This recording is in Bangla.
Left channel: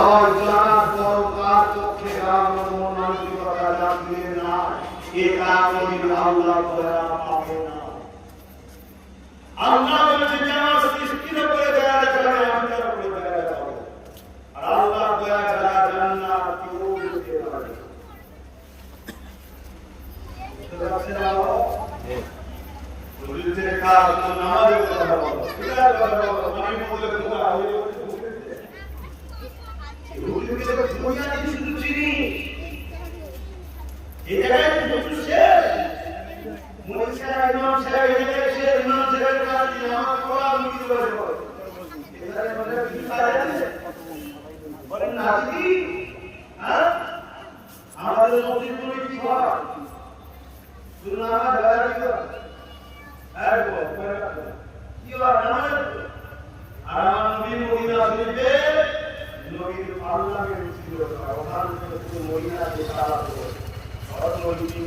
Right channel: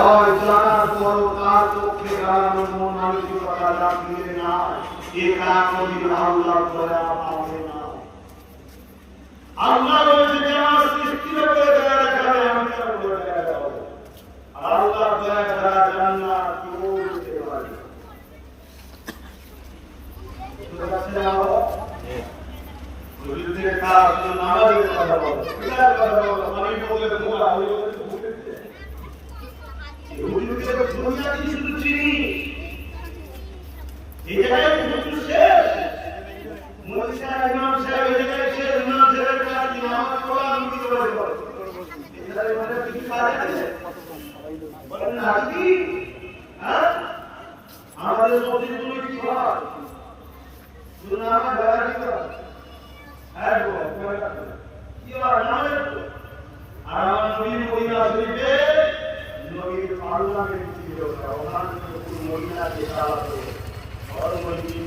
হয় জানার পর তার পক্ষে কারণ মানসিকতা জানলে না এ কারণে আল্লাহ দয়া পাবে না। আল্লাহ বলেছে যে আমার সৃষ্টির উপরে দয়া ছাড়া আমি তার উপরে দয়া যাব। আর আল্লাহ দয়া ছাড়া জান্নাত কেউ যেতে পারে না। বুঝতে পারছেন আল্লাহ? বুঝতে কাজ তো নামাজের কথা বলো, কিতাব কথা বলো, আমি বলে তোমরা হইল আমাদের মসজিদগুলো কি হয়? শুধু আমার বেড়া কি হয়? কি হয় আমাদের? আর আমার নবীর মদিনা শরীফে নবীর পাল্লাকে ছিল ওখান থেকে পুরো মদিনাকে চালাতো। और कोई चीज